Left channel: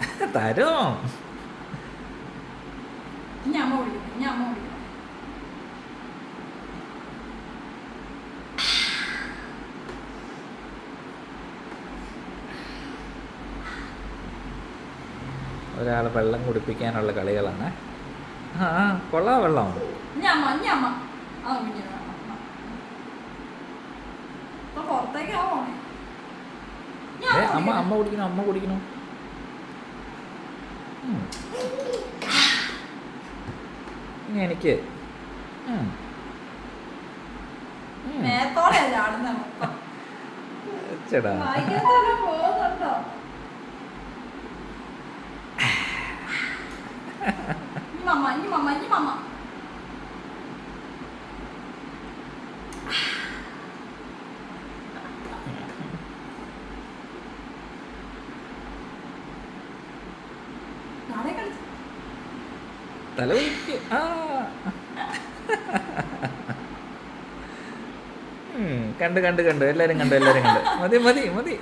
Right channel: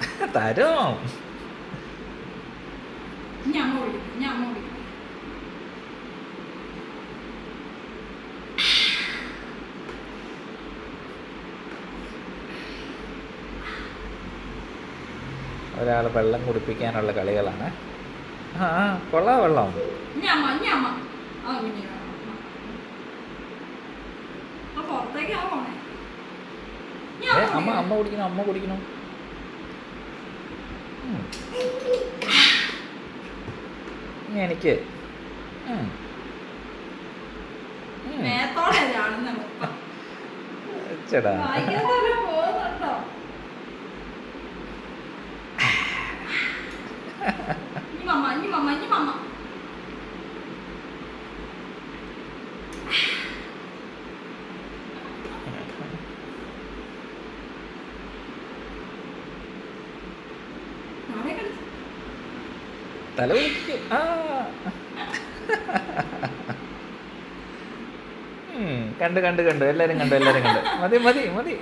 തരും. ഞാൻ ഒരാൾ വെള്ളം കുടിപ്പിക്കാനുള്ള കളികളാണ്. ആ കൊള്ളാ വെള്ളം. അമ്മ അമ്മ കുടിക്കണം. അമ്മ കുടിക്കണം അമ്മ കുടിക്കണം ഉം. ഇനി എനിക്ക്. ചേടാ ഇനി മമ്മ ഇനി മമ്മ ഇനി മമ്മ തല ആ. കണ്ട് കണ്ട് കണ്ട്. എല്ലാരും കണ്ടു എല്ലാരും കണ്ടു. മതി മതി മതി.